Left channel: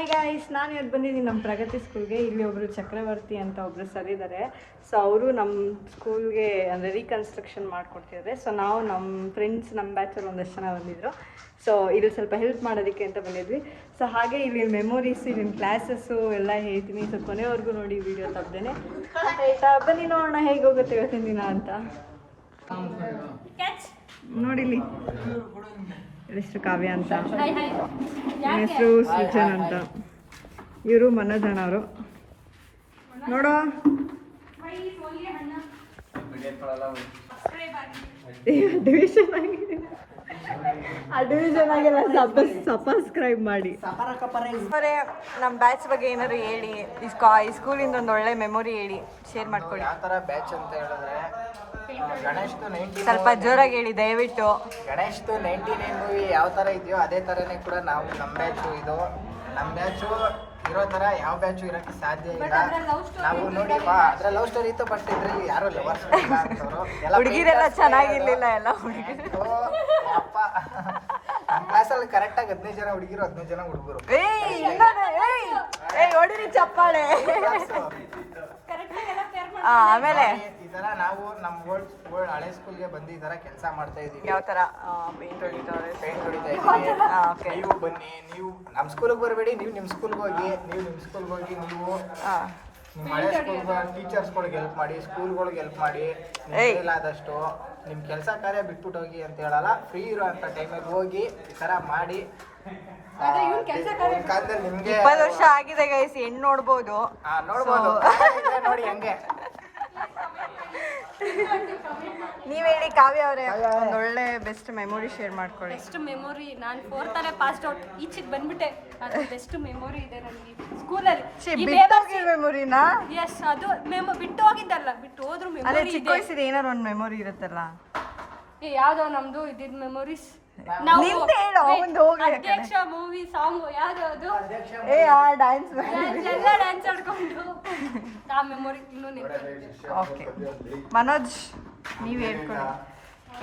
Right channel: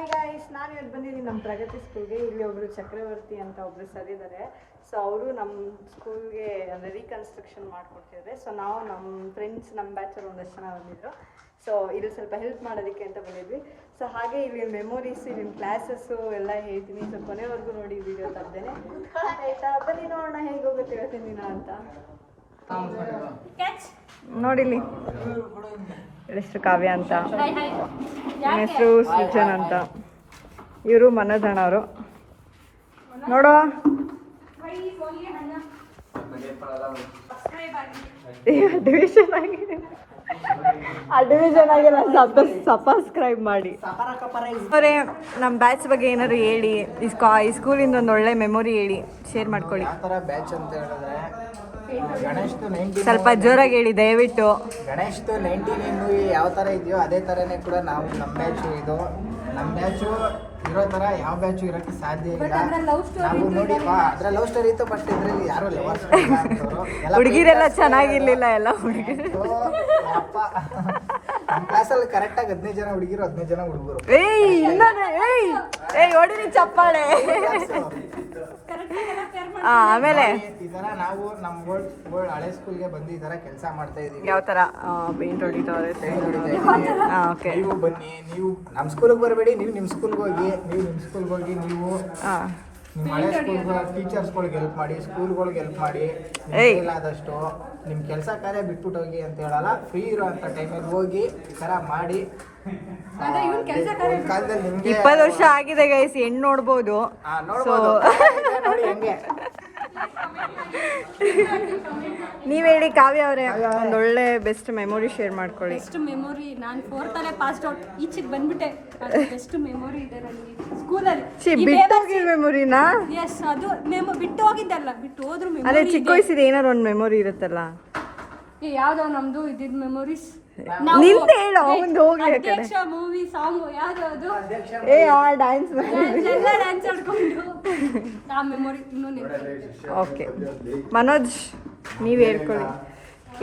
Hi guys, ನಾನು ಇವತ್ತು ಬಂದಿದ್ದೀನಿ ನಮ್ಮ ಪ್ರಗತಿ ಸ್ಕೂಲ್ಗೆ. ಇಲ್ಲಿ ಒಬ್ಬರು ಚಕ್ರವರ್ತಿ ಅಂತ ಒಬ್ಬರು ಸರ್ ಇದ್ದಾರೆ. ಸೊ ಅವರು ನಮ್ಮ ಸ್ಕೂಲ್ಗೆ ಅಂದರೆ ರೀಕನ್ಸ್ಟ್ರಕ್ಷನ್ ಮಾಡಿಕೊಡ್ತಿದ್ದಾರೆ. ಸೊ ನಾವು ನಮ್ಮ ಫ್ರೆಂಡ್ಸ್ ನಮ್ಮ ಬ್ಯಾಚಲ್ಲಿ ಒಂದಷ್ಟು ಜನ ಬಂದಿದ್ದರು. ಸೊ ಇಲ್ಲಿ ಸ್ವಲ್ಪ ಹೆಲ್ಪ್ ಮಾಡೋದಕ್ಕೆ ಅಂತ ಬಂದಿದ್ವಿ. ಸೊ ಹಾಗೆ ಇಲ್ಲಿ ಮೆಮೊರೀಸ್, ಇಲ್ಲಿನ ಕ್ಲಾಸಸ್ಸು ಎಲ್ಲ ಹೇಳ್ತೀನಿ. ಸೊ ಕೊನೆವರೆಗೂ ನೋಡಿ ವಿಡಿಯೋ ತಪ್ಪದೇನೆ. ಆಯಿತಾ, ಬನ್ನಿ ನೋಡೋಣ ಹೇಗೆ ಹೋಗುತ್ತೆ ಇವತ್ತಿನ ದಿನ ಅಂತ. ನೋಡಿಲಿ, ಹೆಸರು ಕಾವ್ಯ ಅಂತ, ಹೆಸರು ಸೃಜನ್ ಅಂತ, ಇವರು ಮನೋಜ್ ಅಣ್ಣ ಅವರು. ನೋಡೋ ಡಿವಿಷನ್ ಆಗಿದೆ, ಸಬ್ಸ್ಕ್ರೈಬ್ ಮಾಡಿ. ನಮ್ಮ ಬ್ಯಾಚ್ ಬಗ್ಗೆ ಏನಾದ್ರು ಹೇಳಿ, ಈ ಸ್ಕೂಲಿಂದ ಒಂದು ಒಳ್ಳೆ ಮೆಮೊರಿ ಹೇಳಿ, ಶೇರ್ ಮಾಡ್ಕೊಳ್ಳಿ. ಬ್ಯಾಚ್ ಅಂತ ಹೇಳಿದ್ರೆ ಸ್ವಲ್ಪ ಜೋರಾಗಿ ಹೇಳಿ ದಯವಿಟ್ಟು. ಗಣೇಶ್ದು 99 ಮೂವಿ ಯಾವ ಥರ ಇದೆಯೋ ಅದೇ ಥರನೇ ಕೂಡ ನಾವು ನಮ್ಮ ಬ್ಯಾಚು ಇದು. ನಮ್ಮ ಬ್ಯಾಚು ಇರೋ ಥರ ಯಾವ ಬ್ಯಾಚು ಇರೋಕ್ಕೆ ಸಾಧ್ಯ ಇಲ್ಲ. ನಾವು ನೋಡಿ ಅದ್ರ ಲವ್ ಸ್ಟೋರಿ ಇತ್ತು, ಬಟ್ ಇದ್ರಲ್ಲಿ ಯಾರು ಲವರ್ಸ್ ಹುಡುಗಿರೆಲ್ಲ ಚೆನ್ನಾಗಿರ್ಲಿಲ್ಲ. ಎಲ್ಲ ಹುಡುಗಿರು ಅಪ್ಪ ನಮ್ಮ ಕ್ಲಾಸಲ್ಲಿ ಕರೆಕ್ಟಾಗಿ 15 ಜನ ಹುಡುಗಿರು, 15 ಜನ ಹುಡುಗರು. ಚಪ್ಪಾಳೆ. ಆಮೇಲೆ ಈ ಥರ ನಾವು ನಮ್ಮ ಓಲ್ಡ್ ಹಳೆ ಸ್ಕೂಲ್ಗೆ ಬಂದು ಈ ಥರ ಕೆಲಸ ಮಾಡ್ತಾ ಇದೀವಿ. ಯಾವ ಥರ ಪೇಂಟ್ ಹೊಡಿತಾರೆ. ನೀವು ಬನ್ನಿ, ನೀವು ನಮ್ಮ ಸ್ಕೂಲಿಗೆ ಬರಬೇಡಿ, ನೀವು ನಿಮ್ಮ ಸ್ಕೂಲ್ಗೆ ಹೋಗಿ, ನೀವು ನಿಮ್ಮ ಸ್ಕೂಲ್ಗೆ ಹೋಗಿ, ನೀವು ನಿಮ್ಮ ಹಳೆ ಸ್ಕೂಲ್ಗೆ ಟೀಚರ್ಸ್ಗಳಿಗೆ ಹೆಲ್ಪ್ ಮಾಡಿ, ಸ್ಕೂಲ್ಗಳಿಗೆ ಹೆಲ್ಪ್ ಮಾಡಿ. ಆದಷ್ಟು ನಿಮ್ಮ ಕೆಲಸ ಕಾರ್ಯ ಬಿಟ್ಬಿಟ್ಟು ಹೋಗಿ ಅಂತ ಹೇಳಲ್ಲ, ಫ್ರೀ ಇರೋಂಥ ಟೈಮಿಗೆ ಹೋಗಿ ಈ ಥರ ಮಾಡಿ. 20 ವರ್ಷ ಆಗಿದೆ ಗೈಸ್, ಹೆಣ್ಣು ನೋಡ್ಬೋದು. ನೀವ್ ಹೇಳಿ ಕಾವ್ಯ ಅವರೇ, ಒಂದೊಳ್ಳೆ ಬೆಸ್ಟ್ ಮೆಮೊರಿ ಶೇರ್ ಮಾಡ್ಕೊಳ್ಳಿ. ಬೆಸ್ಟ್ ಮೆಮೊರಿ, ನಾನು 4th ಅಲ್ಲೇ ಪಾಸ್ ಔಟ್, ಈಚೆಗೆ ಬಂದ್ಬಿಟ್ಟೆ. ಅದು ಬೆಸ್ಟ್ ಮೆಮೊರಿ ಇದೆ ನನಗೆ ಸ್ಕೂಲಲ್ಲಿ. ಬಿಟ್ಟು ಹೋಗಿದ ಮೆಮೊರಿನಾ? ಎಸ್, ಅದು ಬಿಟ್ಟು ಹೋಗಿದ್ದಲ್ಲ, ಬಿಟ್ಟು ಹೋದ್ರು ಮೆಮೊರಿ. ಅದೇ ಚಿಕ್ಕ ವಯಸ್ಸಿದೆ ಏನಾರು ಒಂದು ಮೆಮೊರಿ ಇರುತ್ತಲ್ಲ. ಯಾವ್ದೋ ನಮ್ದು ಇದ್ದಿದ್ ಮೆಮೊರೀಸ್. ನಿಂತ ಹೇಳೋ ಒಂದು ಹೋಗಿ ಅಧ್ಯಕ್ಷ ಮೂವಿ ಸಾಂಗ್ ಯಾವ್ದು ಅದು, ಡ್ಯಾನ್ಸ್ ಎಲ್ಲ ಡ್ಯಾನ್ಸ್ ಆಡ್ಕೊಂಡು ಆ ಮೆಮೊರಿ ಇನ್ನೂ ನೆನಪಿದೆ. ಓಕೆ ಮನೋಜ್, ನೀವ್ ಹೇಳ್ಕೊಳ್ಳಿ.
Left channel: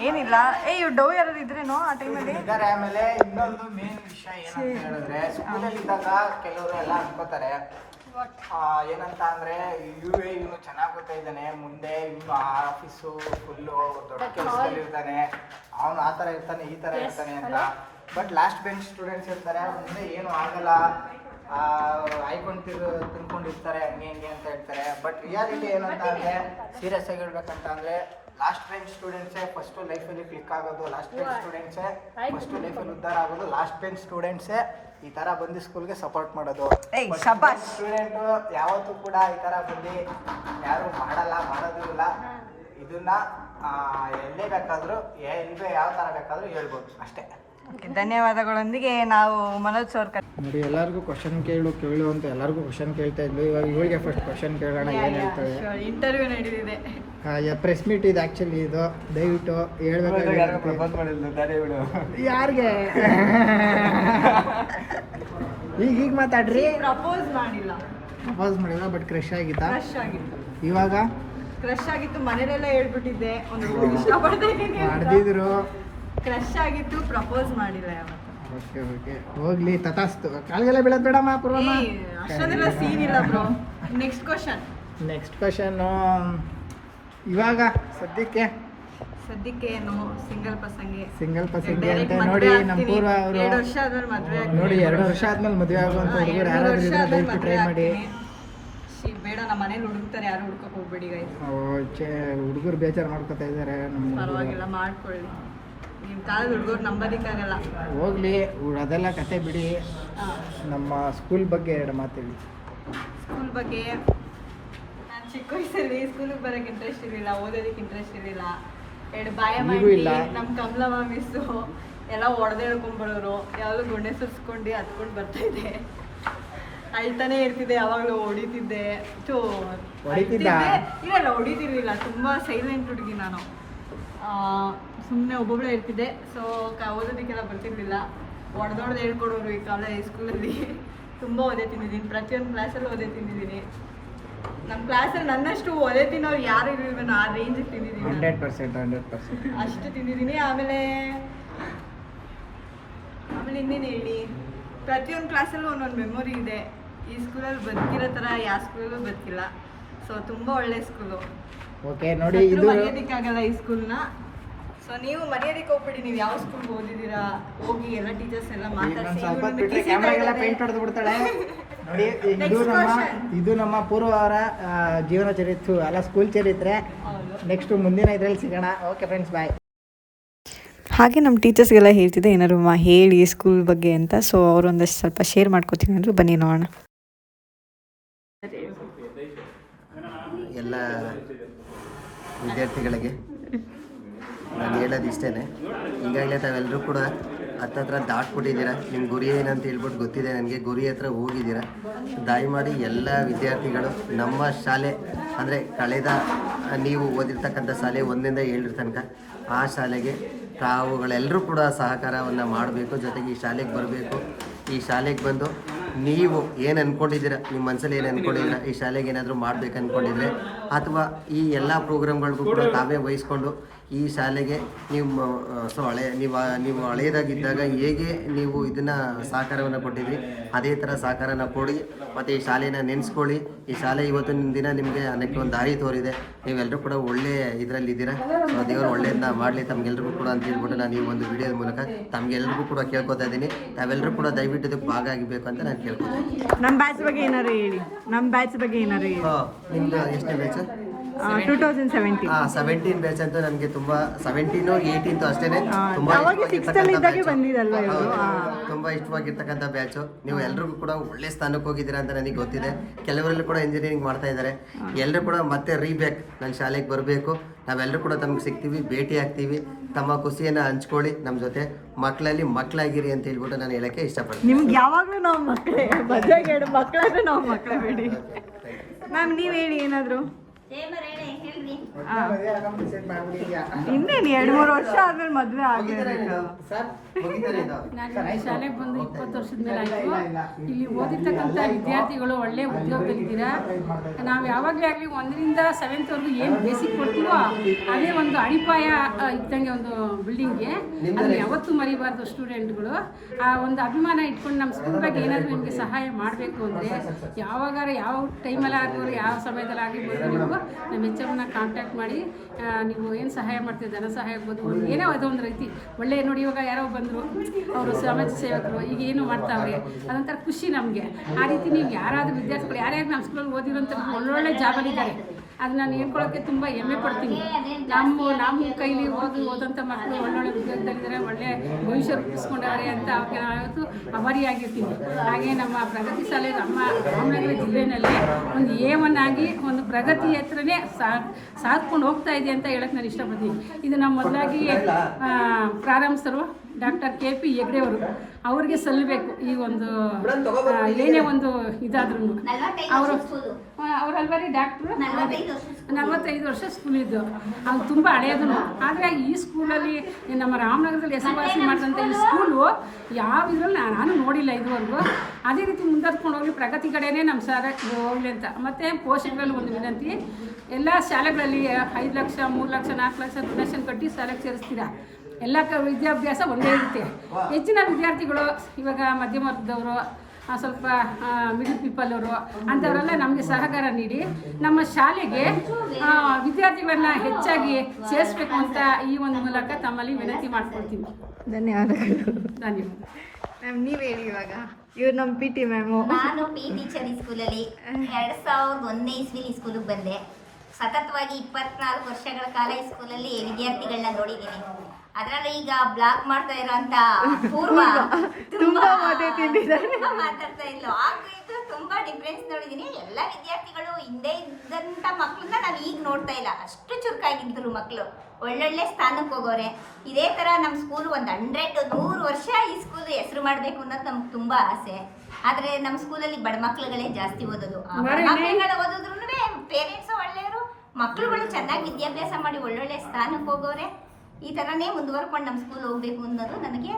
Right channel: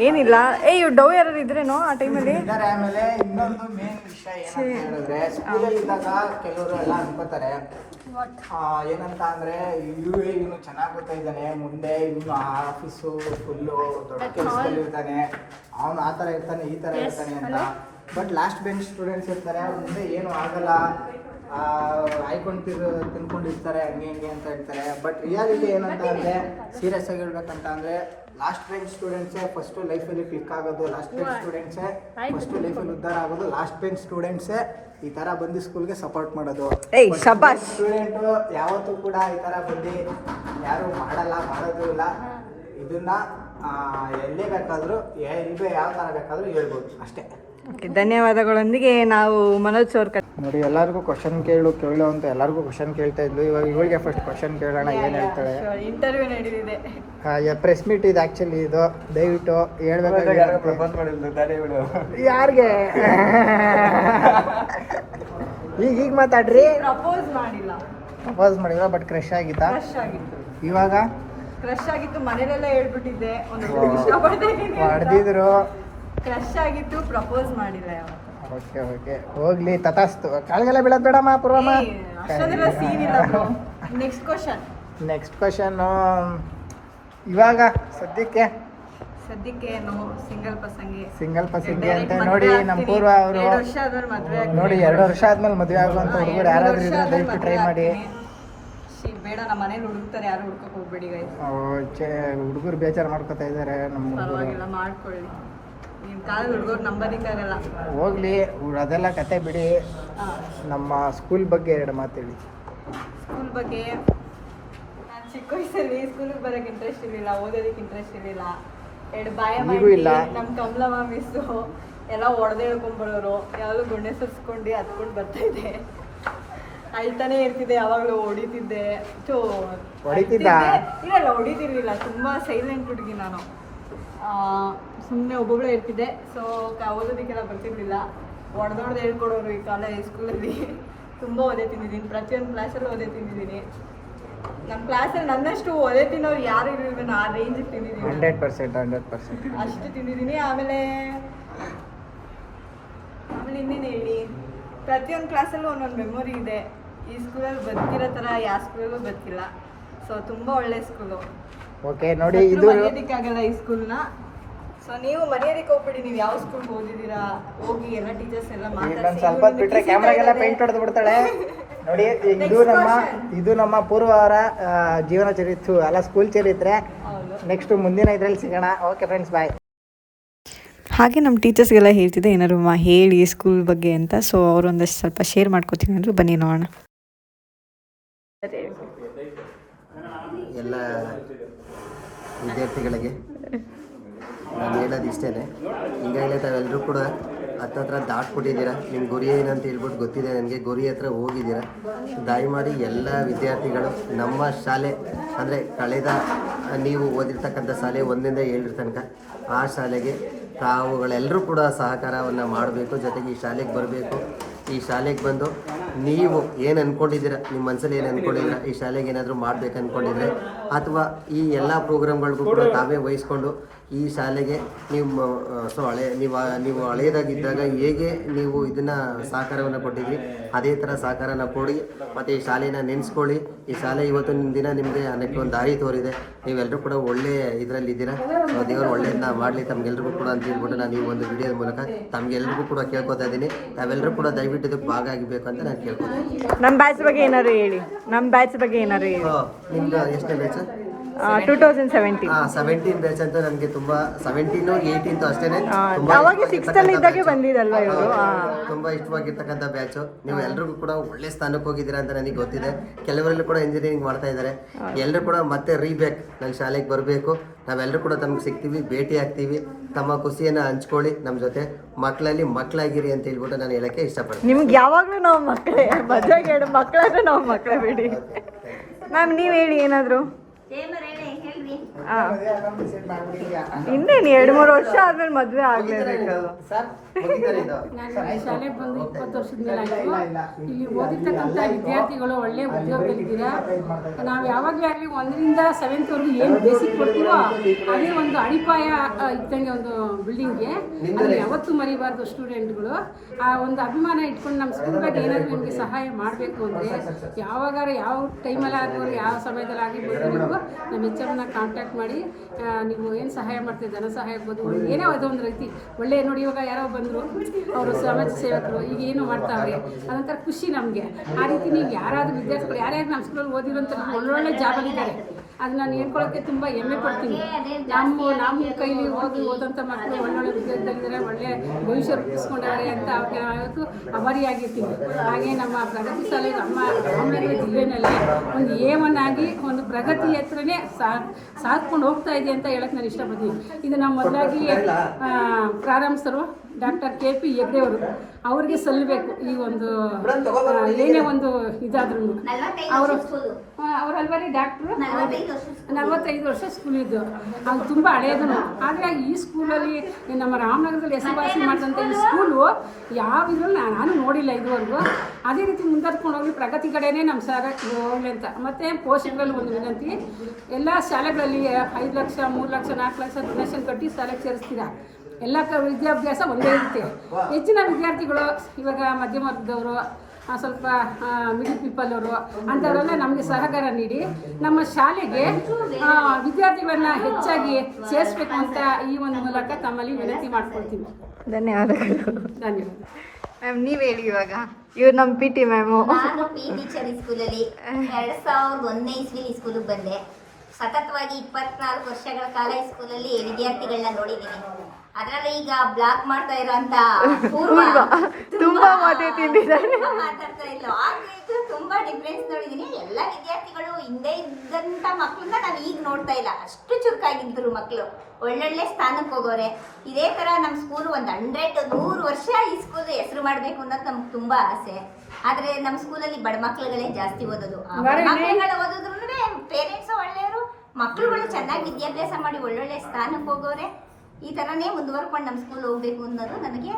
ಏನಿಲ್ಲ, ಇವ್ ಡವ್ ಯಾರು ಇದ್ರೇನೋ ಆ ಟೈಮಲ್ಲಿ. ಆಮೇಲೆ ಇನ್ನೊಂದು ಮೇನ್ ವಿಷಯ ಏನಂತ ಹೇಳಿದ್ರೆ, ಸ್ಕೂಲಲ್ಲಿ ಇದ್ದಾಗ ಕೆಲವರು ಎಲ್ಲ ಅನ್ಕೋತಾರೆ ಏನಂತ ಅಂದ್ರೆ, ಇವನು ಚೆನ್ನಾಗಿ ಗೊತ್ತಾ ಇದ್ದಾನೆ, ಮುಂದೆ ಇವನು ಆಫೀಸು ಫುಲ್ಲು ದೊಡ್ಡ ಕೆಲಸದಲ್ಲಿ ಇರ್ತಾನೆ, ಅವನು ಆ ಥರ ಇರ್ತಾನೆ, ಈ ಥರ ಇರ್ತಾನೆ ಅಂತ. ಬಟ್ ಲಾಸ್ಟ್ ಬೆಂಚ್ ಸ್ಟೂಡೆಂಟ್ಸ್ ಇರ್ತಾರೆ, ಮುಂದೆ ಏನು ಆಗಲ್ಲ, ಆಯ್ಕೊಂಡು ತಿನ್ಕೊಂಡಿರ್ತಾರೆ, ಹಂಗೆ ಅಂತ ಹೇಳ್ತಾರೆ. ಬಟ್ ರಿಯಾಲಿಟಿ ಏನಂತ ಅಂದರೆ, ಸೀರಿಯಸ್ ಆಗಿ ಹೇಳ್ಬೇಕಂತ ಅಂದರೆ, ಲಾಸ್ಟ್ ಬೆಂಚ್ ಸ್ಟೂಡೆಂಟ್ಸೇ ಫಸ್ಟು ಲೈಫಲ್ಲಿ ಕ್ಲಿಕ್ ಆಗೋದು, ಲಾಸ್ಟ್ ಬೆಂಚ್ ಸ್ಟೂಡೆಂಟ್ಸೇ ಫಸ್ಟು ಲೈಫಲ್ಲಿ ಉದ್ಧಾರ ಆಗೋದು, ಲಾಸ್ಟ್ ಬೆಂಚ್ ಸ್ಟೂಡೆಂಟ್ಸೇ ಈ ಥರ ಬಂದು ಸ್ಕೂಲ್ಗೆ ಸಪೋರ್ಟ್ ಮಾಡೋದು. ಸ್ಟೂಡೆಂಟು ಯಾವತ್ತೂ ಕೂಡ ಈ ಥರ ಬಂದು ಯಾರು ಮಾಡೋದು ಇಲ್ಲ. ಇದನ್ನ ಎಲ್ಲೇ ಬೇಕಾದರೂ ಎಲ್ಲಿ ಯಾವ ಥರ ಬೇಕಾದರೂ ಹೇಳ್ಬೋದು ಅಷ್ಟೇ. ಓಕೆ, ಧನ್ಯವಾದಗಳೊಂದಿಗೆ ನಾವು ಮನೋಜ್ ಅವ್ರ ನೋಡಿ, ಎಲ್ಲರಿಗೂ ಕ್ವಶನ್ ಕೇಳು ಅಂತ ಎಲ್ಲರಿಗೂ ಕ್ವಶನ್ ಕೇಳ್ತಾ ಇದ್ಲು. ಇವಾಗ ಇವಳಿಗೆ ಫಸ್ಟ್ ಕ್ವಶನ್ ಕೇಳೋಣ, ಏನು ಹೇಳ್ತಾಳೆ. ಇಂಟರ್ವ್ಯೂ ನಡೆದಿದೆ, ಪ್ರೆಸ್ ಮೀಟ್ ಇದು ಆ್ಯಕ್ಚುಲಿ. ಇದು ದಯವಿಟ್ಟು ಹೇಳ್ಬೇಕಾಗಿ ಯಾರಿಗೆ ಈಗ ಮಾತಾಡ್ರಿ. ಪ್ರಪೋಸ್ ಮಾಡಿಲ್ಲ, ಬಟ್ ಕ್ರಶ್ ಆಗಿತ್ತಾ? ಇವಾಗ ಕ್ರಶ್ ಆಗಿತ್ತು, ಮನೇಲೆಲ್ಲ ಹೇಳ್ಬಿಟ್ಟಿದ್ದೆ, ಒಂದು ಇಷ್ಟಪಡ್ತಾ ಇದ್ದೀನಿ ಹೊಡೆದಿದ್ರು. ಕ್ರಶ್ ಆಗಿತ್ತು, ಪ್ರಪೋಸ್ ಮಾಡಿಲ್ಲ ಯಾವತ್ತು. ಓಕೆ ಹೋಗ್ಲಿ, ತಥಾಸ್ತು. ಕಾಳಿಗೆಲ್ಲ ಬೀಳೋದು ಬೇಡಮ್ಮ, ಪೂರ್ವಮ್ಮ. ಅಷ್ಟೊಂದೆಲ್ಲ ಸೀನ್ ಇಲ್ಲ ಬ್ರೋ. ನೆಕ್ಸ್ಟ್ ಕ್ವಶನ್ ಇವಾಗ ಸದ್ಯಕ್ಕೆ ಸಿಂಗಲ್ ಪಸಂಗಿ ಅಂತ ನೋಡಿ. ನಮ್ಮ ಪೂರ್ವ ಅವರು 2 ವರ್ಷ ಆದ್ಮೇಲೆ ಮದುವೆ ನೋಡಿ, 2 ವರ್ಷ ಆದ್ಮೇಲೆ ಮದುವೆ ಆಗುವಂತ ಹುಡುಗರು ಯಾರಾದ್ರೂ ಇದ್ರೆ ದಯವಿಟ್ಟು ಟ್ರೈ ಮಾಡಿ. ಬೇಡ, ನಮ್ಮ ಮನೇಲಿ ಹುಡುಕ್ತಾರೆ, ಯಾರು ಹುಡ್ಕಕ್ ಹೋಗ್ಬೇಡಿ ಗೈಸ್. ಹುಡುಗರು ಬೇಜಾರು ಮಾಡ್ಕೊತಾ ಇದ್ದಾರೆ. ನಮ್ಮ ಪರವಾಗಿಲ್ಲ, ಮಾಡ್ಕೊಳ್ಳಿ. ನಿಮ್ಮ ಕಾಲದ ಹುಡುಗರು ನಂಬೋದಕ್ಕಾಗಲ್ಲ. ಹೋಗ್ಲಿ, ಅದೆಲ್ಲ ಕತೆ ಬಿಡಿ. ನಮ್ಮ ಸ್ಕೂಲ್ ಬಗ್ಗೆ 2 ಮಾತೇಳಿ. ಸ್ಕೂಲ್ ಬಗ್ಗೆ, ನಾನು ಚಿಕ್ಕ ವಯಸ್ಸಲ್ಲಿ ಸ್ಕೂಲಿಗೆ ಬರೋಕ್ಕೆ ಇಂಟ್ರೆಸ್ಟ್ ಇರಲಿಲ್ಲ, ಓದೋದಕ್ಕೆ ಇಂಟ್ರೆಸ್ಟ್ ಇರಲಿಲ್ಲ. 2 ಬಾಯ ಮಾಡಿ ನಮ್ಮ ಕಮಲಮ್ಮ ಮಿಸ್ಸು ಎಲ್ಲ ಹೊಡೆದು ಹೇಳ್ಕೊಂಡ್ಬರೋರು, ಯಾವಾಗಲೂ ಗುಂಡೆ ಸುಸ್ಕೊಂಡು ಹತ್ಕೊಂಡು ಬರ್ತಾಯಿದ್ದೆ. ಅಳ್ತಾನೆ ಇರ್ತಿದ್ದೆ, ಯಾವಾಗಲೂ ಹೊಡಿತಿದ್ದೆ. ಇಲ್ಲ ಹೊಡಿತಿರ್ಲಿಲ್ಲ, ತುಂಬ ಸೈಲೆಂಟ್ ಹುಡುಗಿ ನಾನು. ಸುಮ್ಮನೆ ಒಬ್ಬೊಬ್ಬಳೇ ಇರ್ತಿದ್ದೆ. ಸೊ ಓದೋದಕ್ಕೆಲ್ಲ ಬರ್ತಿರ್ಲಿಲ್ಲ, ಹೊಡೆದೊಡ್ದು ಹೇಳ್ಕೊಡೋರು. ಈ ಸ್ಕೂಲಲ್ಲಿ ತುಂಬ ಓದೇ ತಿಂದಿದ್ದೀನಿ, ಪ್ರತಿಯೊಂದು ಕ್ಲಾಸಲ್ಲೂ ಓದೇ ತಿಂದಿದ್ದೀನಿ. ನಮ್ಮ ಕ್ಲಾಸಲ್ಲಿ ನನ್ನಷ್ಟು ಒದೆ ತಿನ್ನೋರು ಯಾರು ಇರಲಿಲ್ಲ, ಆ ರೇಂಜಿಗೆ ತಿಂದಿದ್ದೀನಿ. 100% ಅಷ್ಟು ತಿಂದಿದ್ದೀನಿ. ಆಮೇಲೆ ಇನ್ನೇನು ಹೇಳಿ, ಪ್ರತಿಯೊಂದು ಕ್ಲಾಸಲ್ಲೂ ಒಂದೊಂದು ಮೆಮೊರಿ ಇದೆ. ಈ ಸ್ಕೂಲಲ್ಲಿ ಬದುಕಿರೋ ಥರ ಯಾವ ಸ್ಕೂಲಲ್ಲೂ ಬದುಕಿಲ್ಲ. ಸೊ ತುಂಬ ಒಳ್ಳೆ ಸ್ಕೂಲು. ಓಕೆ ನೋಡಿ, ಇದು ಮರೆಯೋದಕ್ಕಾಗಲ್ಲ ಈ ಸ್ಕೂಲ್ನ. ಸೊ ನೀವು ಮರೆಯೋದಕ್ಕೆ ಹೋಗ್ಬಿಡಿ. ನೀವು ಯಾವ ಸ್ಕೂಲ್ಗೆ ಓದಿದ್ದೀರಾ ಹೋಗಿ ಎಲ್ಲ ಟೀಚರ್ಸ್ ಎಲ್ಲ ಮಾತಾಡಿ. ಸ್ವಲ್ಪ ಬಿಟ್ಟರೆ ಕ್ಯಾಮ್ರಾಗೆಲ್ಲ ಪೇಂಟ್ ಹೊಡೆದು ಬಿಡ್ತಾಳೆ ನೋಡಿ. ಇದು ನಮ್ಮ ಪೂರ್ವವರ ಜೀವನ ಚರಿತ್ರೆ ಅಲ್ಲ, ಸ್ಕೂಲ್ ಚರಿತ್ರೆ. ನೆಕ್ಸ್ಟ್ ಮುಂದಿನ ಇದರಲ್ಲಿ ಸಿಗೋಣ. ಓಕೆ ಫ್ರೆಂಡ್ಸ್, ಬಾಯ್. ಹಾಗೆ ನಮ್ಮ ಟೀಚರ್ಸ್ಗೆಲ್ಲ ಹೇಳ್ತಿದ್ದೆ ಏನಾದ್ರು ಹೇಳಿ ಸ್ಕೂಲ್ ಬಗ್ಗೆ ಅಂತ. ಸೊ ಅವರು ಒಂದಷ್ಟು ಸ್ವಲ್ಪ ಶೇರ್ ಮಾಡ್ಕೋತೀನಿ ಅಂದರು. ಬನ್ನಿ ನೋಡೋಣ. ಎಲ್ಲ ವಿದ್ಯಾರ್ಥಿಗಳಿಗೆ ನಾನು ಹೇಳೋದು ಇಷ್ಟೇ, ಈಗಾಗಲೇ ತಾವೆಲ್ಲರೂ ಕೂಡ ಹತ್ತತ್ರ ದಾಟ್ಬಿಟ್ಟಿದ್ದೀರಾ. ನಿಮ್ಮ ಗುರಿ ಏನಂತ ಹೇಳ್ಬಿಟ್ಟು ಗೊತ್ತಿದೆ ನನಗೆ. ಗುರಿ ಹತ್ರ ಹೋಗಿದ್ದೀರಾ. ದಯಮಾಡಿ ಎಲ್ಲ ವಿದ್ಯಾರ್ಥಿಗಳು ನಮ್ಮ ಶಾಲೆ ಅಂದರೆ ಕಳೆದ ನೀವು ಓದಿರ್ತಕ್ಕಂಥ ಶಾಲೆ 1ರಿಂದ 7 ತನಕ ಆ ಶಾಲೆಗೆ ತಾವುಗಳೆಲ್ಲರೂ ಕೂಡ ಸಹಕಾರವನ್ನು ಮಾಡಬೇಕು. ಜೊತೆಗೆ ಈ ಶಾಲೆಗೆ ಬರಬೇಕು. ಈ ಶಾಲೆಗೆ ಬಂದು ನೀವು ಏನು ಅಂದ್ಕೊಂಡಿದ್ದೀರಾ, ನಿಮ್ಮ ಮನಸ್ಸಲ್ಲಿ ಏನು ಅಂದ್ಕೊಂಡಿದ್ದೀರಾ, ಈ ಶಾಲೆಗೆ ಏನಾದರೂ ಮಾಡಬೇಕು ಅಂದ್ಕೊಂಡಿದ್ರೆ ಅಥವಾ ಈ ಎಲ್ಲ ಪ್ರೋಗ್ರಾಮ್ಗಳಿಗೂ ಕೂಡ ತಾವೇ ವಹಿಸ್ಕೊಂಡು ಈ ಶಾಲೆಗೆ ನೀವು ಹಳೆಯದಾಗಿದ್ದಾಗ ಹೇಗೆ ನೀವು ಇದನ್ನು ಸಹಕಾರವನ್ನು ಕೊಟ್ಟಿದ್ರಿ ಅದೇ ಥರ ಸಹಕಾರನ ಕೊಡಿ. ಮತ್ತು ಈ ಶಾಲೆನ ನೆನೆಸ್ಕೊಳ್ಳಿ. ಈ ಶಾಲೆ ಇವತ್ತಿನ ದಿನ ನಿಮಗೆ ಅನ್ನಕ್ಕೆ ಒಂದು ದಾರಿ ತೋರಿದೆ. ನೀವೆಲ್ಲರೂ ಕೂಡ ಒಳ್ಳೆಯ ಇದರಲ್ಲಿದ್ದೀರಾ. ದೇವರು ಒಳ್ಳೆಯದನ್ನ ಮಾಡಲಿ ತಮಗೆಲ್ರಿಗೂ ಕೂಡ ಅಂತ ಹೇಳ್ಬಿಟ್ಟು ನಾನು ಈ ಒಂದು ವಿಡಿಯೋದ ಮೂಲಕ ತಮಗೆಲ್ರಿಗೂ ಕೂಡ ಕೇಳ್ಕೊತಾ ಇದ್ದೀನಿ. ತಾವೆಲ್ಲರೂ ಕೂಡ ದಯವಿಟ್ಟು ಇದಕ್ಕೆ ಭಾಗ ಆಗಬೇಕು ಅಂತ ನಾನು ಕೇಳ್ಕೊತೀನಿ. ನಮ್ಮ ಬ್ಯಾಚ್ ಬಗ್ಗೆ ಏನಾದ್ರು ಹೇಳಿ. ನಿಮ್ದು ಎಷ್ಟನೇ ಬ್ಯಾಚ್? 2017. 17 ಬ್ಯಾಚ್ ಅಂತೂ ನನಗೆ ತುಂಬ 17 18 ಅಷ್ಟೇ ತುಂಬ ಇಷ್ಟವಾಗಿರ್ತಕ್ಕಂಥ ಬ್ಯಾಚು. ನೀವು ಎಲ್ರಿಗೂ ಕೂಡ ಒಳ್ಳೆ ಸ್ಥಾನಕ್ಕೆ ಹೋಗಿದ್ದೀರಾ ಅಂತ ನನಗೆ ಗೊತ್ತಿದೆ. ಕೆಲವರೆಲ್ಲೂ ಕೂಡ ಇಂಜಿನಿಯರಿಂಗ್ ಮಾಡ್ತಾ ಇದ್ದಾರೆ. ಎಲ್ಲರೂ ಕೂಡ ಮತ್ತೆ ರೀಬ್ಯಾಕ್ ನನ್ನ ಶಾಲೆಗೆ ಬರಬೇಕು. ನಾವೆಲ್ಲರೂ ಕೂಡ ತಮಗೆ ಸಿಗ್ತೀವಿ, ಭೇಟಿ ಆಗ್ತೀವಿ. ತಮ್ಮ ಖುಷಿಯನ್ನು ಹಂಚ್ಕೊಳ್ಳಿ ನಮ್ಮ ಜೊತೆ. ಮಕ್ಕಳಲ್ಲಿ ಮಕ್ಕಳಾಗಿರಿ ಅಂತ ಹೇಳ್ಬಿಟ್ಟು ನಾನು ಹೇಳಕ್ಕೆ ಇಷ್ಟಪಡ್ತೀನಿ. ನಿಮ್ಗೆ ಯಾವಾಗಲೂ ನಾವು ಮಕ್ಕಳೇ, ಮಕ್ಕಳಾದ್ರೂ ನಾವು ಮಕ್ಕಳೇ ಬಿಡಿ. ಮ್ಯಾಮ್ ನೀವು ಹೇಳಿ ಏನಾದರೂ. ಇನ್ನೇನು 2-3 ವರ್ಷ ಆದ್ಮೇಲೆ ಮದುವೆ ಆಗ್ಲೇಬೇಕಲ್ವ. ನಾನು ಈ ಶಾಲೆಗೆ ಬಂದು 20 ವರ್ಷದ ಮೇಲೆ ಆಯಿತು. ಇಲ್ಲಿ ಓದಿರ್ತಕ್ಕಂಥ ವಿದ್ಯಾರ್ಥಿಗಳು ಒಳ್ಳೆ ಉದ್ಯೋಗದಲ್ಲಿದ್ದೀರಾ. ನಾವು ಯಾವಾಗಲೇ ಆಗಲಿ 1ರಿಂದ 7th ಏನು ಬೇಸಿಕ್ ಕೊಡ್ತೀವೋ ಅದೇ ಒಂದು ಅಡಿಪಾಯ ಇದ್ದಂಗೆ ಒಂದು ಬಿಲ್ಡಿಂಗ್ಗೆ. ಅದು ಯಾವತ್ತೂ ಮರಿಬಾರ್ದು ಸ್ಟೂಡೆಂಟ್ಗಳು. ಆ ಒಂದು ಅಭಿಮಾನ ಇಟ್ಕೊಂಡು ನಮ್ಮ ಸ್ಕೂಲ್ ಬಗ್ಗೆ ಏನಾದರೂ ನಿಮಗೆ ಸಹಾಯ ಮಾಡಬೇಕು ಅಂದರೆ ಯಾವಾಗಾರ ಯಾವ ಟೈಮಲ್ಲಾಗೋರು ಯಾವ ಸಮಯದಲ್ಲಾಗಿ ಬಂದು ನೀವು ನಮ್ಮ HR ಕಾಂಟ್ಯಾಕ್ಟ್ ಮಾಡಿ ನೀವು ಏನು ಸಹಾಯ ಮಾಡ್ತೀವಿ, ಧನ ಸಹಾಯ ಆಗ್ಬೋದು, ಏನೋ ಅದೊಂದು ರೀತಿ ಒಳ್ಳೆ ನೋಡಿ. ಇವಾಗ ಯಾರೋ ಬಂದರು, ಅವರು ಸಮಾಜ ಸೇವಕರು, ಈಗ ಏನು ಮಾಡ್ತಾವ್ರೆ, ಅದೊಂಥರ ಖುಷಿ ನಮಗೆ. ಆ ರೀತಿ ನೀವು ಯಾರಾದರೂ ವಿದ್ಯಾರ್ಥಿಗಳು ಯಾರ್ಯಾರು ನಮ್ಮ ಸ್ಕೂಲಲ್ಲಿ ಓದಿರೋಂಥ ಒಳ್ಳೊಳ್ಳೆ ಜಾಬಲ್ಲಿದ್ದಾರೆ, ಅದು ನಾನು ಹೇಳ್ಕೊಳ್ಳೋಕ್ಕೆ ತುಂಬ ಹೆಮ್ಮೆ ಪಡ್ತೀನಿ. ನಮ್ಮ ಕೈಲಿ ಓದಂಥ ಮಕ್ಕಳು ಒಳ್ಳೊಳ್ಳೆ ಉದ್ಯೋಗದಲ್ಲಿದ್ದಾರೆ, ಒಳ್ಳೆ ಭವಿಷ್ಯ ರೂಪಿಸ್ಕೊಂಡವ್ರೆ ಅಂತ ಅವ್ರಿಗೆ ನಾವತ್ತು ಅಭಾರಿಯಾಗಿರ್ತೀವಿ. ಹಾಗೆ ನಮ್ಮ ಪ್ರಗತಿ ಶಾಲೆ ನಮ್ಮ ರಾಮನಗರ ಜಿಲ್ಲೆಯಲ್ಲಿ ಒಂದು ಏವನ್ನಾಗಿ ಒಂದು ಪ್ರಗತಿ ಹತ್ರನೇ ಸಾಕ್ಕೊಂಡು ಹೋಗ್ತಾ ಇದೆ ಅಂತ ಹೇಳಕ್ಕೆ ನಾನು ಇಷ್ಟಪಡ್ತೀನಿ. ಇದು ನಮ್ಮ ಮೊದಲಾಗಿ ಪ್ರಾರಂಭಿಸಿದ್ರು ಡಾಕ್ಟರ್ KP ಹೆಗ್ಡೆ ಅವರು. ಅವ್ರಿಗೆ ಸಲ್ಲಬೇಕು ಈ ಒಂದು ಏನೇ ಒಂದು ಇದಾದ್ರೂ. ಅವರಲ್ವರಿ ಡಾಕ್ಟ್ರು 45 ವರ್ಷ ಸ್ಕೂಲ್ ಇದ್ದು. ಅದು ತುಂಬ ಹಳೆಯದು. ಆದರೆ ಈ ಸ್ಕೂಲಲ್ಲಿ ನಮ್ಮ ರಾಮನಗರದಲ್ಲಿ ಹೆಸರುವಾಸಿ ಮಾಡಿದಂಥ ಈ ಸ್ಕೂಲು ಯಾವಿದ್ರೂ ನಾನು ನೋಡಿಲ್ಲ ಇದುವರೆಗೂ. ಅದೇ ರೀತಿ ಮುಂದುವರ್ಕೊಂಡು ಹೋಗಿ ಪ್ರಗತಿ ಕಡೆಯೇ ನಮ್ಮ ಶಾಲೆ ಒಳ್ಳೆ ಅಂತ. ಮತ್ತು ಪೋಷಕರಲ್ಲಿ ಒಂದು ವಿನಂತಿ, ಎಲ್ಲ ಶಾಲೆಗಳಲ್ಲಿ 5 ಲಕ್ಷ 3 ಲಕ್ಷ 4 ಲಕ್ಷ ಡೊನೇಷನ್ ಕಟ್ಟಿ ಶಾಲೆಗೆ ಸೇರಿಸ್ತೀರಾ. ಎಲ್ಲ ವಿದ್ಯಾಭ್ಯಾಸ ಒಂದೇ ಇರುತ್ತೆ. ಹೆಚ್ಚಿನ ವಿದ್ಯಾರ್ಥಿಗಳು ಇವಾಗ ಮಧ್ಯಮ ವರ್ಗದವರು, ಸ್ವಲ್ಪ ಮಿಡಲ್ ಪೀಪಲ್ ಅವರು ಅಂಥವರೆಲ್ಲ ನಮಗೆ ಸಹಕಾರ ನೀಡಿ ನಮ್ಮ ಶಾಲೆಗೆ ವಿದ್ಯಾರ್ಥಿಗಳನ್ನ ಹೆಚ್ಚಾಗಿ ಸೇರಿಸ್ಬೇಕು ಅಂತ ಈ ಒಂದು ಮೂಲಕ ತಮ್ಮಲ್ಲಿ ವಿನಂತಿ ಮಾಡ್ಕೊಳ್ತೀವಿ. ಧನ್ಯವಾದಗಳು. ಮ್ಯಾಮ್ ನೀವು ಹೇಳಿ. ಇವಾಗ ಇವ್ರು ನಮ್ಮ PT ಮ್ಯಾಮು. ನಾನು PT ಚರಿ ಸ್ಕೂಲಲ್ಲಿ 2001ನೇ ಇಸ್ವಿಲಿ ಸ್ಕೂಲಿಗೆ ಬಂದೆ. ಸತತವಾಗಿ 24 ವರ್ಷಗಳ ಕಾಲ ಈ ಸ್ಕೂಲಲ್ಲಿ ವಿದ್ಯಾರ್ಥಿಗಳನ್ನ ನೋಡಿದ್ದೀನಿ. ಅದರಲ್ಲಿ ಈಗ ಬ್ಲಾಗ್ ಮಾಡ್ತಾ ಇರೋಂಥ ಪೂರ್ವ ತುಂಬಾ ಮಾತಾಡ್ತಾ ಇಲ್ಲ. ಆಗ ತುಂಬಾ ಡಿಫ್ರೆನ್ಸ್ ನೋಡಿದ್ದೀನಿ. ಎಲ್ಲ ವಿದ್ಯಾರ್ಥಿಗಳು ಹಿಂದೆ ಇದ್ದಂಥ ಮಕ್ಕಳನ್ನ ನಾನು ಈಗ ನೋಡ್ತಾ ಇಲ್ಲ. ಅಷ್ಟು ಚುರುಕಾಗಿದ್ದರು ಮಕ್ಕಳು, ಒಳ್ಳೊಳ್ಳೆ ಸ್ಥಾನಕ್ಕೆ ಹೋಗೋರೆ. ಇದೇ ಥರ ನಮ್ಮ ಸ್ಕೂಲು ಒಂದು 100 ವರ್ಷ ಈ ಸ್ಕೂಲ್ ಹೆಸರು ಮಾಡಬೇಕು ಅನ್ನೋದು ನಮ್ಗೆ ತುಂಬ ಆಸೆ. ಆದರೆ ನಮ್ಮ ಸ್ಕೂಲಲ್ಲಿ ಬಡ ಮಕ್ಕಳುಗಳೇ ಜಾಸ್ತಿ ಓದೋದು. ಮಕ್ಕಳುಗಳು ಓದಿದ್ರು ಪೇರೆಂಟ್ಸು ಒಳ್ಳೆಯವರು, ಮಕ್ಕಳುಗಳು ಚೆನ್ನಾಗಿ ವಿದ್ಯಾಭ್ಯಾಸ ಮಾಡಿ ಒಳ್ಳೊಳ್ಳೆ ಸ್ಥಾನಕ್ಕೆ ಹೋಗೋರೆ. ಈ ಥರನೇ ಮುಂದುವರ್ಕೊಂಡು ನಮ್ಮ ಸ್ಕೂಲ್ ಹೋಗ್ಬೇಕು ಅನ್ನೋದು ನನಗೆ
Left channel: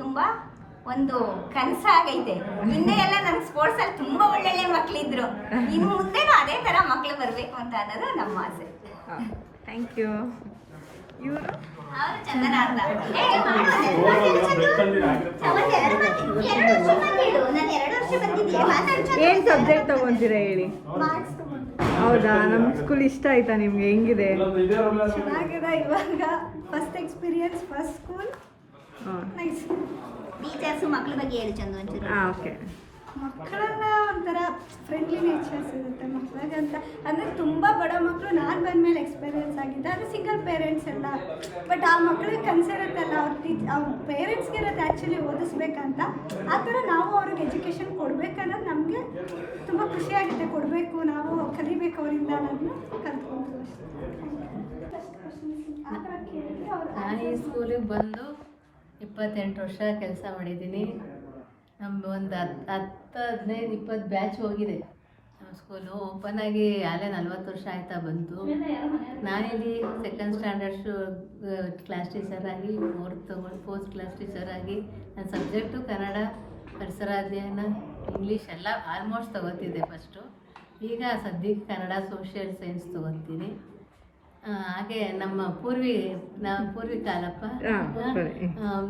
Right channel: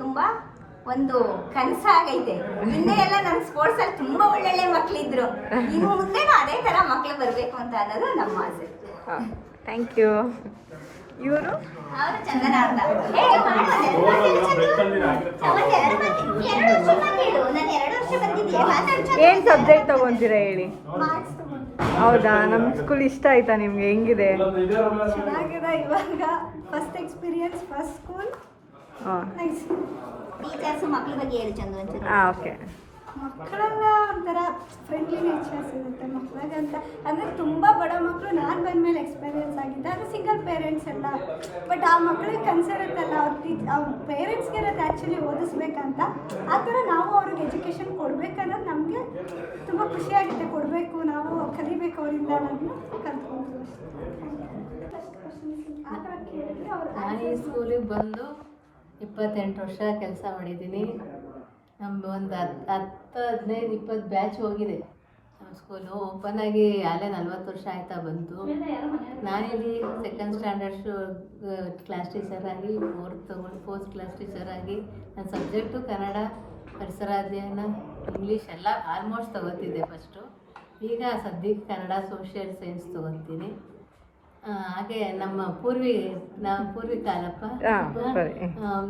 ತುಂಬ ಒಂದು ಕನಸಾಗೈತೆ. ಹಿಂದೆ ಎಲ್ಲ ನಮ್ಮ ಸ್ಪೋರ್ಟ್ಸಲ್ಲಿ ತುಂಬ ಒಳ್ಳೊಳ್ಳೆ ಮಕ್ಕಳಿದ್ರು. ಇನ್ನು ಮುಂದೆನೂ ಅದೇ ಥರ ಮಕ್ಕಳು ಬರಬೇಕು ಅಂತ ಅನ್ನೋದು ನಮ್ಮ ಆಸೆ. Thank you. ಇವರು ಅವರು ಚಂದನ ಅಂತ ಏನು ಸಬ್ಜೆಕ್ಟ್ ತಗೊಂತೀರಾ ಹೇಳಿ? ಹೌದಾ, ನಮ್ಮ ಸ್ಕೂಲ್ ಇಷ್ಟ ಆಯ್ತಾ ನಿಮ್ಗೆ? ಹೆಂಗಿದೆ? ಚೆನ್ನಾಗಿದೆ. ಇವಾಗ ಫಸ್ಟ್ ಎಕ್ಸ್ಪೀರಿಯನ್ಸ್, ಫಸ್ಟ್ ಸ್ಕೂಲ್. ಹಾಂ ಟೀಚರ್ಸ್ ಮಕ್ಳ ಬಗ್ಗೆ ಹೇಳಿ ಚಂದ ಒಂಚೂರು. ಹಾಂ ಓಕೆ. ಮಕ್ಕಳೆಲ್ಲ ಒಂಥರ ಫ್ರೆಂಡ್ಲಿ ನೇಚರ್ಸ್ ಇರುತ್ತೆ ಮಕ್ಕಳಿಗಂತ. ಅಂದರೆ ತುಂಬ ಬಡ ಮಕ್ಕಳು ನಾನು ಬಂದಮೇಲೆ ಎಕ್ಸ್ಪೀರಿಯನ್ಸ್ ಆಗಿದೆ, ಅದು ಸಿಂಗಲ್ ಪೇರೆಂಟ್ಸ್ ಎಲ್ಲ. ಬಟ್ ಆ ಮಕ್ಕಳಿಗೆ ಕನ್ಸಿರುತ್ತಲ್ಲ, ಅವ್ರ ಪೇರೆಂಟ್ಸ್ಗೆ ಇರುತ್ತೆ ಆ್ಯಕ್ಚುಲಿ ಓದಿಸ್ಬೇಕಂತ. ಆ ಥರ ನಾವು ಅವ್ರಿಗೆ ಎಜುಕೇಷನ್ ಕೊಡಬೇಕನ್ನೋದು ನಮಗೆ ತುಂಬ ಖುಷಿಯಾಗುತ್ತೆ. ಕೊಡಬೇಕು, ನಾವು ಕಲಿಬೇಕು ಅವರಿಂದ ಅನ್ನೋದನ್ನ ಕಲ್ತ್ಕೊಂಡು ಆ ಥರ ಕೇಳಿದ್ರೆ ನಾನು ಈ ಸ್ಕೂಲಿಗೆ ಬಂದು 28 ವರ್ಷ ಕೆಲಸ ಮಾಡಿದ್ದೀನಿ. ನಮ್ಮ ಒಂದು 10-15-20 ಬ್ಯಾಚ್ ಹೋಗಿದೆ. ನಮ್ಮ ಸ್ಕೂಲು ಓಪನ್ ಆಗಿ ಅಲ್ಲೇ 40 ವರ್ಷ ಆಯ್ತಾ ಬಂತು. ನಾನಿಲ್ಲಿ ಸೆಕೆಂಡ್ ಸ್ಟ್ಯಾಂಡರ್ಡ್ಸು ಕ್ಲಾಸ್ ಟೀಚರ್ ಆಗಿ, ಫೋರ್ತ್ ಕ್ಲಾಸ್ ಟೀಚರ್ ಆಗಿ ನನ್ನ ಸಬ್ಜೆಕ್ಟು ಕನ್ನಡ, ಪರಿಸರ ಅಧ್ಯಯನ, ಇಂಗ್ಲೀಷ್ ಎಲ್ಲ ಆಲ್ಮೋಸ್ಟ್ ತೊಗೋತಿದ್ದೆ ಫಸ್ಟು. ಈಗ ಸದ್ಯಕ್ಕೆ ಕನ್ನಡ, ಸೋಷಿಯಲ್ ಸೈನ್ಸ್ ತೊಗೊತೀನಿ. ಹಾಗೆ ನಮ್ಮ ಪೂರ್ವಿಕಾಲಪ್ಪ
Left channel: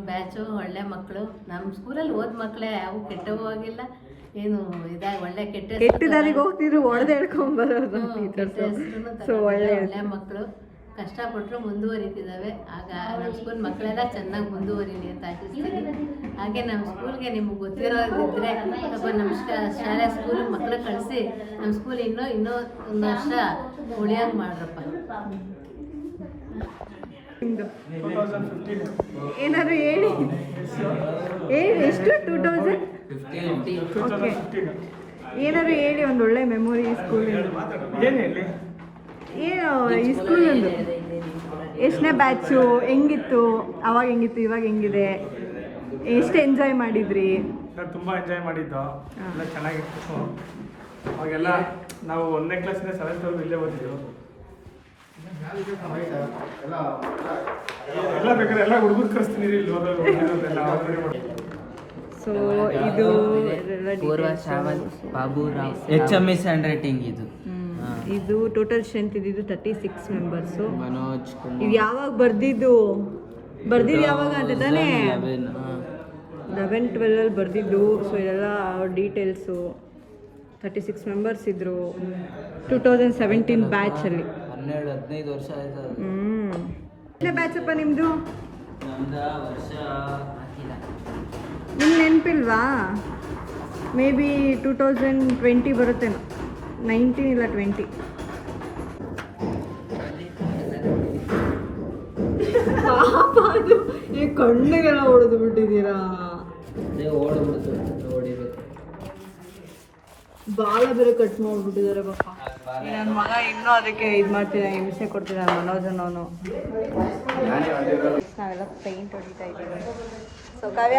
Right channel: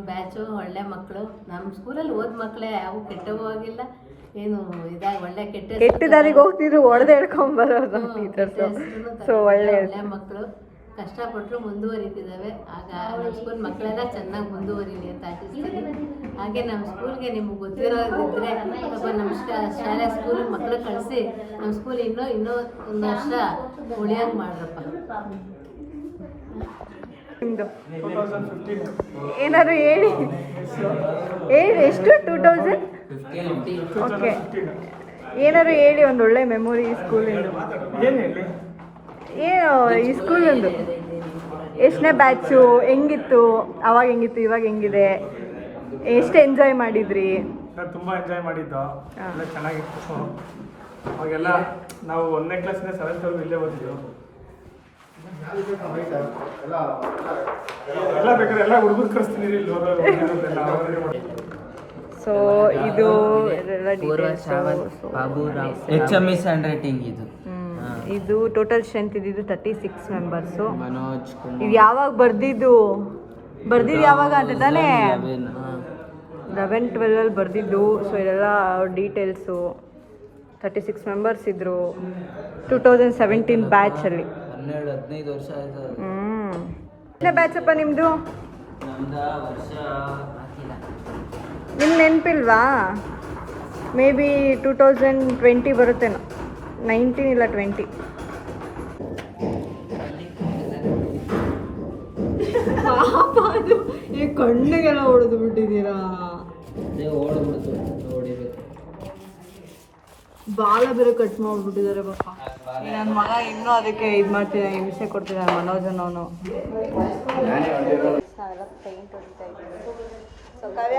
ಬ್ಯಾಚು ಒಳ್ಳೆ ಮಕ್ಕಳು. ನಮ್ಮ ಸ್ಕೂಲಲ್ಲಿ ಓದ್ ಮಕ್ಕಳೇ ಯಾವ ಕೆಟ್ಟವೂ ಆಗಿಲ್ಲ, ಏನು ಇದಾಗಿ ಒಳ್ಳೆ ಕೆಟ್ಟ ದಾರಿಗೆ ಹೋಗ್ತಿದ್ರು, ಹೊಡೆದು ಹೇಳ್ಕೊಂಬರೋದು ಟೀಚರ್ಸ್. ಸೊ ಒಳ್ಳೆ ಮಕ್ಕಳು ಕಷ್ಟಪಟ್ಟರು ಮುಂದುವರಿತಿದ್ದಾವೆ. ಆಗ ನಮ್ಮ ಸ್ಕೂಲ್ ಮಕ್ಕಳೆಲ್ಲ ಚೆನ್ನಾಗಿ ಮುಂದುವರಿಲಿ ಅಂತ ಆಶಿಸ್ತೀನಿ. ಹಾಗೆ ನಮ್ಮ ಸ್ಕೂಲ್ಗೆ ನಿಮ್ಗೆ ಗೊತ್ತಿರೋದಿದ್ರೆ ಸ್ವಲ್ಪ ನಮ್ಮ ಶಾಲೆ ಸ್ಕೂಲ್ ಮಕ್ಕಳು ಕಳಿಸಿ ನಮ್ಮ ಸ್ಕೂಲ್ ಇನ್ನೂ ಒಂದು ವರ್ಷ ಉಳಿಯೋಕೆ ಮಾಡ್ರಪ್ಪ. ನಿಮ್ಮದು ಏನಾದ್ರು ಹೇಳಿ. ಎಷ್ಟು 2000? ಓಕೆ, ಏನಾದ್ರು ಹೇಳಿ ಒಂದು ಒಳ್ಳೆ ಮೆಮೊರಿ ಸ್ಕೂಲಿಂದ. ಏನು ಈ ಸ್ಕೂಲಿಂದು ಎಷ್ಟನೇ ಬ್ಯಾಚು, ಹೆಂಗಿತ್ತು ಅವಾಗ, ಹೆಂಗಿತ್ತು ಇವಾಗ ಹೆಂಗಿದೆ, ಎಷ್ಟು ಎಂಜಾಯ್ ಮಾಡಿದ್ರಿ? ನಾನು ತುಂಬ ಎಂಜಾಯ್ ಮಾಡಿದ್ದು, ಎಲ್ಲ ಚೆನ್ನಾಗಿತ್ತು. ಅವಾಗೆಲ್ಲ ನಾವು 1ನೇ ಕ್ಲಾಸಿಂದ 7th ವರೆಗೂ ಇಲ್ಲೇ ಓದಿದ್ದು. ಎಲ್ಲ ಬೇಕಾದ್ರೆ ಎಲ್ಲ ಹುಡುಗರು ಕಳಿಸ್ತೀನಿ ಇಲ್ಲಿ ಓದೋರು. ಸೊ ಇದು HMS ಹ್ಯಾಂಡ್ ರೈಟಿಂಗ್ ಇದು. ಇದು ಟೋಟಲ್ ಸ್ಟ್ರೆಂತ್ ಇದ್ದಿದ್ದು 36 ಮೆಂಬರ್ಸು. ಮನೋಜ್ ಇದು ಯಾವಾಗ ಬರ್ದಿದ್ದು ಯಾವಾಗ ಅಂತ ತಾನೇ 11-12 ಬರ್ದಿದ್ದು. ಸೊ ಇದೆಲ್ಲ ಡೀಟೇಲ್ಸು. 36 ಮೆಂಬರ್ಸ್ ಇದ್ದರು 2017 ಬ್ಯಾಚಲ್ಲಿ. 12-15 ವರ್ಷ ಆಯ್ತು. ಎಷ್ಟನೇ ಬ್ಯಾಚಪ್ಪ ನಿಮ್ಮದು? ನಮ್ದು ವರ್ಷ ಹಾಕಿಲ್ಲ. ನಿಮ್ಗೆ ನೆನಪಿಲ್ವಾ? ಮೇ ಬಿ 2020 ಬರುತ್ತೇನೋ, 19 ಇಲ್ಲ 20. ಅದು ಈ ಕಣ್ಣಿಗೆಲ್ಲ ಹೊಡೆದು ಬಿಟ್ಟಿದ್ದೀರಾ. ಅದೇ ಓಡ್ಬಿಡ್ತು, ಓಡಿಬೇಕು. ಬಾಲ ಬೇರೆ ಕಟ್ ಮಾಡಿಬಿಟ್ಟಿದ್ದಾರೆ ಪಾಪ. ನನ್ನ ಮಗ ಇನ್ನೂ ಅದಕ್ಕೆ ಇದು ಮಾಡ್ತಿದ್ದಾನೆ, ಹಿಂಸೆ ಕೊಡ್ತಿದ್ದಾನೆ ಮನೋಜನವನು. ನಾವೆಲ್ಲ ಪೇಂಟ್ ಹೊಡಿತಾ ಇದ್ದೀವಿ. ಸೊ ಕಾವ್ಯ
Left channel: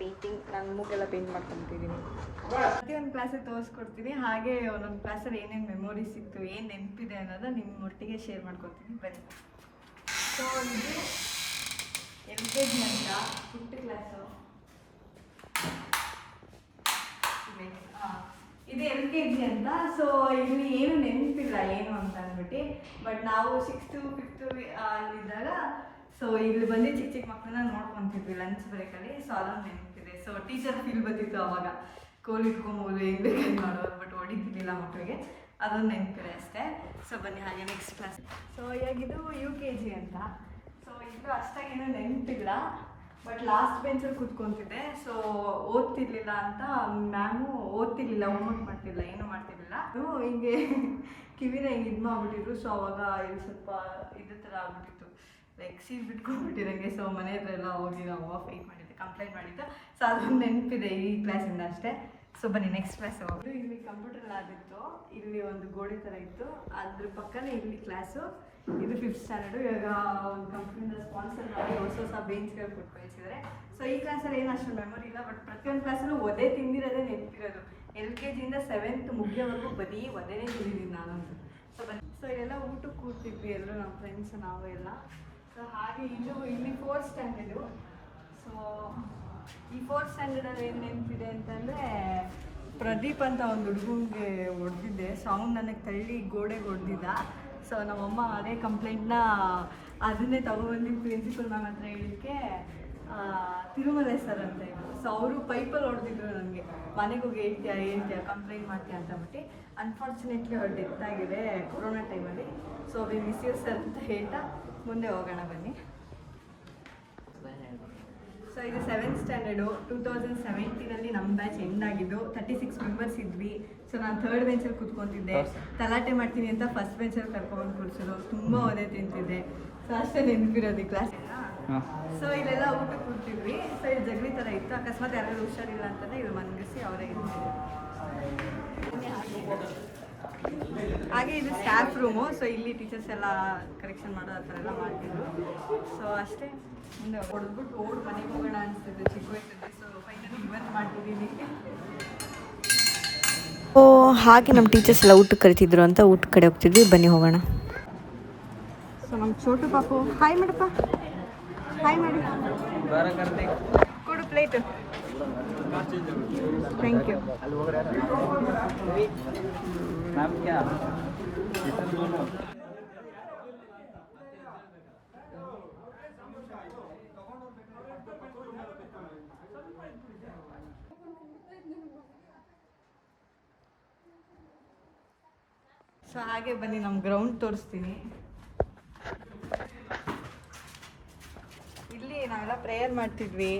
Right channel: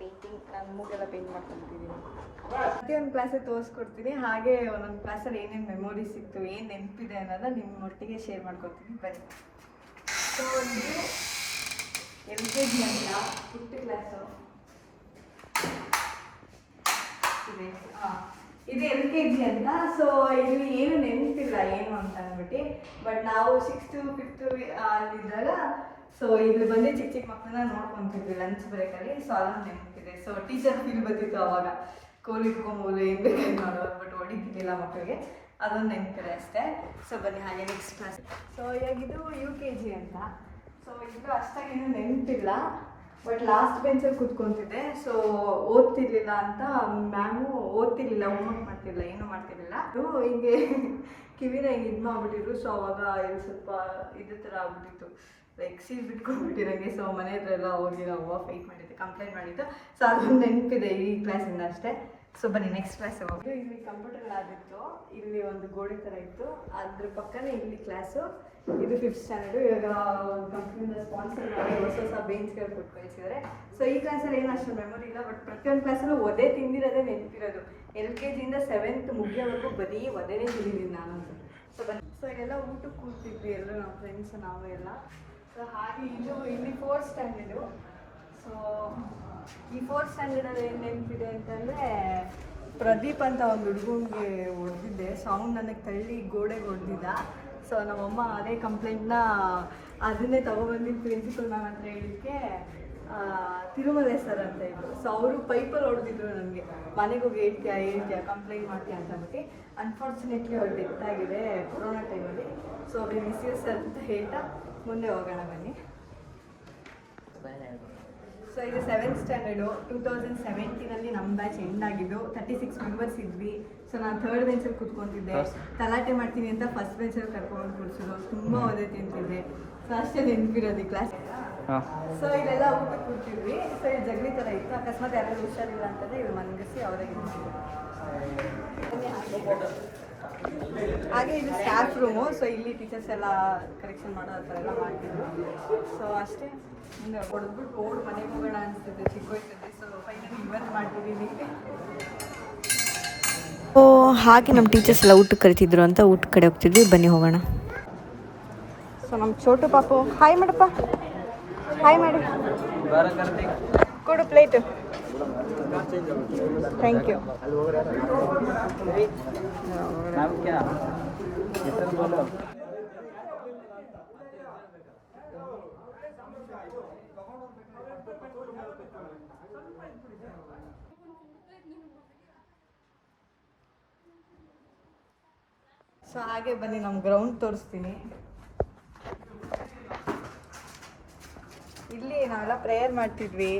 ಪೇಂಟಿಂಗ್, ನಾನು ಮೂಗೆಲ್ಲ ಪೇಂಟ್ ಮಾಡ್ಕೊತಿದ್ದೀನಿ. ಪ್ರತಿಯೊಂದು ಕ್ಲಾಸಿಗೆ ತೋರಿಸ್ಕೊಡ್ತೀನಿ. ಹಾಗೆ ಒಂದೊಂದು ಕ್ಲಾಸಲ್ಲಿ ಏನೇನು ಮೆಮೊರೀಸ್ ಇತ್ತು, ಏನು ನೆನಪಿದೆ ಅನ್ನೋದು ನಿಮ್ಮ ಒಟ್ಟಿಗೆ ಶೇರ್ ಮಾಡ್ಕೊತೀನಿ ಬನ್ನಿ. ಸೊ ಇದು LKG ಅಂತ 5th ಕ್ಲಾಸು ಇದು LKG ಅಂತ. ಸೊ ಇಲ್ಲಿ ಏನು ನೆನಪಿಲ್ಲ ಏನು ಅಂತ ಅಂದ್ಬಿಟ್ಟು, ಬಟ್ ನಾವು 6th 5th ಅಲ್ಲಿದ್ದಾಗ ಸೊ ಇಲ್ಲಿ ಬಂದು ಚಿಕ್ಕ ಚಿಕ್ಕ ಮಕ್ಕಳನ್ನ ನೋಡ್ಕೊತಿದ್ವಿ ಲಂಚ್ ಬ್ರೇಕಲ್ಲಿ. ಸೊ ಅದನ್ನು ನೆನಪಿದೆ. ಸೊ ಟೀಚರ್ ಫೀಲ್ ಬಂದಿತ್ತು ಅವಾಗ, ಕೋಲ್ ಇಟ್ಕೊಬೋದು, ಹೆಂಗೆ ಬೇಕಾಗಿ ಮಾಡೋದು, ಬಟ್ ಹೊಡಿತಿರ್ಲಿಲ್ಲ ಮಕ್ಕಳಿಗೆ. ಅದೊಂದು ನೆನಪಿದೆ ಅಷ್ಟೇ. ಸೊ ಬನ್ನಿ ಹಾಗೆ ನೆಕ್ಸ್ಟ್ ಕ್ಲಾಸ್. ಸೊ ಇವಾಗಿದು UKG ಅಂತ. ಸೊ ಇದು ಅಷ್ಟಾಗೇನು ನೆನಪಿಲ್ಲ, ಬಟ್ ಲಾಸ್ಟ್ ಬೆಂಚಲ್ಲಿ ಕೂತ್ಕೊತಿದ್ದೆ. ಸೊ ಓದ್ತಿರ್ಲಿಲ್ಲ ಅಂತ ಮ್ಯಾಮು ಓದ್ತಿರ್ಲಿಲ್ಲ, ಹೋಮ್ವರ್ಕ್ ಮಾಡ್ತಿರ್ಲಿಲ್ಲ, ಏನೂ ಮಾಡ್ತಿರ್ಲಿಲ್ಲ. ಅದು ಹಿಂಗೆ ಕಿವಿನ ಹಿಂಗೆ ಇದು ಮಾಡಿಬಿಟ್ಟಿದ್ರು. ಸೊ ಅವಾಗ ಇಲ್ಲಿ ಸ್ವಲ್ಪ ಇದು ಥರ ಆಗ್ಬಿಟ್ಟಿತ್ತು, ಲೈಕ್ ಸೀಲ್ ಬಿಟ್ಕೊಂಡ್ಬಿಟ್ಟು ನನಗೆ. ಸೊ ಮನೆ ಹತ್ರ ಎಲ್ಲ ಹೋಗಿ ನಾವು ಫೈಟ್ ಮಾಡಿದ್ದೆ, ಕಂಪ್ಲೇಂಟ್ ಮಾಡಿದ್ದು. ಸೊ ಅದೊಂದು ನೆನಪಿದೆ ಈ ಕ್ಲಾಸಿಂದ ಅಷ್ಟೇ. ಸೊ ಬನ್ನಿ ನೆಕ್ಸ್ಟ್ ಕ್ಲಾಸ್ ಹೋಗಿ. ಇಲ್ಲಿ ಕಂಪ್ಯೂಟರ್ ಲ್ಯಾಬ್ ಇತ್ತು, ಇಲ್ಲಿ ಒಂದು ಗೋಡೆ ಥರ ಇತ್ತು, ಅದ್ರ ಪಕ್ಕನೇ ಇಲ್ಲಿ ಕ್ಲಾಸು. ಇದು 5th ಸ್ಟ್ಯಾಂಡರ್ಡು. ಇವಾಗ ಕಂಪ್ನಿಯಿಂದ ಸ್ಪಾನ್ಸರ್ ಮಾಡಿ ಹೊಸ ಬೇಂಚ್ಗಳು ಕೊಟ್ಟು ಕಳಿಸಿದ್ದಾರೆ. ಸೊ ಈ ಕ್ಲಾಸಲ್ಲಿ ಏನು ಅಷ್ಟು ಮೆಮೊರಿ ಇಲ್ಲ, ಬಟ್ ಪ್ರತಿಯೊಂದು ಕ್ಲಾಸಲ್ಲೂ ಒದೆ ತಿಂದಿರೋದೇ ನೆನಪಿರೋದು. LKGಯಿಂದ 7th ಮುಗಿಯೋವರೆಗೂ ಬರೀ ಒದೇನೇ ತಿಂದಿದ್ದೀನಿ ನಾನಂತೂ. ಸೊ ಬನ್ನಿ. ಸೊ ಇಲ್ಲೆಲ್ಲ ಊಟಕ್ಕೆ ಕೂರ್ತಿದ್ವಿ ಎಲ್ಲರೂ, ನಮ್ಮ ಫ್ರೆಂಡ್ಸ್ ನಾವು ಎಲ್ಲ. ಸೊ ಹಾಗೆ ಇದು ಇಲ್ಲಿ 4th ಸ್ಟ್ಯಾಂಡರ್ಡು. ಸೊ ಈ 4th ಸ್ಟ್ಯಾಂಡರ್ಡಲ್ಲಿ ಏನು ನೆನಪಿದೆ ಅಂತಂದರೆ, ಪ್ರದೀಪ್ ಅಂತ ಒಂದು ಹುಡುಗನಿಗೆ ಹೊಡೆದಿದ್ದೆ. ಸೊ ಅವ್ನು ನನಗೆ ತಳ್ಳಿ ಗೋಡೆಗೆ ಹೊಡೆದಿದ್ದ. ಸೊ ನಮ್ಮಮ್ಮ ಅದೇ ಕಂಪ್ಲೇಂಟ್ನ ಅದನ್ನೇ ತೊಗೊಬಂದು ಪ್ರಿನ್ಸಿಪಲ್ ಮ್ಯಾಮ್ ಹತ್ರ ಹೇಳಿದ್ದಕ್ಕೆ ತಿರುಮಲೆ ಸರ್ ಅಂತ ಇದ್ರು. ಸೊ ಅವರು ಪೈಪಲ್ಲಿ ಹೊಡೆದಿದ್ರು ನನಗೆ, ಮನೆಗೆ ಹೋಗಿ ಹೇಳ್ತೀಯಾ ಕಂಪ್ಲೇಂಟ್ ಮಾಡ್ತೀಯ ಅಂತ ಅಂದ್ಬಿಟ್ಟು. ಅನ್ಫಾರ್ಚುನೇಟ್ಲಿ ಅವ್ರು ಡೆತ್ ಆಗಿದೆ ಕೊರೋನಾ ಟೈಮಲ್ಲಿ. ಸೊ ಅವ್ರಿಗೆ ಮಿಸ್ ಯು ಸರ್ ಅಂತ ಹೇಳ್ತಾ ಮುಂದೆ ಹೋಗೋಣ ಬನ್ನಿ. ಸೊ ಇದು 7th ಸ್ಟ್ಯಾಂಡರ್ಡು 2017 ನಮ್ಮ ಬ್ಯಾಚ್ ಎಂಡ್ ಆಗಿದ್ದು. 36 ಮೆಂಬರ್ಸ್ ಇದ್ವಿ. ಸೊ ನಾನು 3rd ಬೆಂಚಲ್ಲಿ ಕೂತ್ಕೊತಿದ್ದೆ. ತಲಾಟೆ ಮಾಡ್ತೀನಿ ಅಂತ ಫಸ್ಟ್ ಬೆಂಚಲ್ಲಿ ಕರ್ಕೊಂಡ್ಬಂದು ಕೂರಿಸೋದು, ತುಂಬ ಓದೇ ತಿಂತಿದ್ದೆ. ಸೊ ಅಷ್ಟೇ ನೆನಪಿರೋದು ಕ್ಲಾಸ್ ಎಲ್ಲ. ಸೊ ಇಲ್ಲೆಲ್ಲ ಊಟಕ್ಕೆ ಕೂರ್ತಿದ್ವಿ. ಸೊ ಇದು ಜಗಲಿ ಥರ ಇತ್ತು. ಅಕಸ್ಮಾತ್ ಯಾರು ಹುಷಾರಿಲ್ಲ ಅಂತಂದರೆ ಇದು ಮನಗಿಸಿ ಅವರೇ ಇರ್ತಿದ್ರು. ಹಾಗೆ ಇದು ಸ್ಟಾಫ್ ರೂಮು. ಸೊ ಇಲ್ಲಿ ಟೀಚರ್ಸ್ ಎಲ್ಲ ಕರೆಕ್ಷನ್ ಮಾಡೋ ಆ ಥರ ಎಲ್ಲ ಮಾಡ್ತಿದ್ರು. ಸೊ ಅಷ್ಟೇ, ಮುಂದೆ ಹೊಡೆದ್ಬಿಟ್ಟು ಓಡ್ ಮನೆಗೆ ಹೋಗೋಣ ಅನಿಸ್ತಿದ್ದೆ ಚಿಕ್ಕ ವಯಸ್ಸಲ್ಲಿ. ಸೊ ಫೈನಲಿ ಇವತ್ತು ಮಾಡ್ತಿದ್ದೀನಿ. ಹಾಗೆ ನಮ್ಮ ಟೀಚರ್ಸ್ ಎಲ್ಲ ಊಟಕ್ಕೆ ಕರಿತಿದ್ರು ಅಂತ ಊಟ ಕಡೆ ಹೋಗ್ತಿದ್ವಿ. ಬನ್ನಿ ಹೋಗೋಣ. ಸೊ ನಮ್ಮ ಚೋಟು ಪಾಪು ಹಾಯ್ ಮಾಡಪ್ಪ, ಹಾಯ್ ಮಾಡಿ, ಕೊಡು ಪ್ಲೇಟು. Thank you. ಸೊ ಹಾಗೆ ಬನ್ನಿ ನಮ್ಮ ಗ್ರೌಂಡ್ ತೋರಿಸ್ತೀನಿ. ಇಲ್ಲಿ ನಾವೆಲ್ಲ ಪ್ರೇಯರ್ ಮಾಡ್ತಿದ್ವಿ.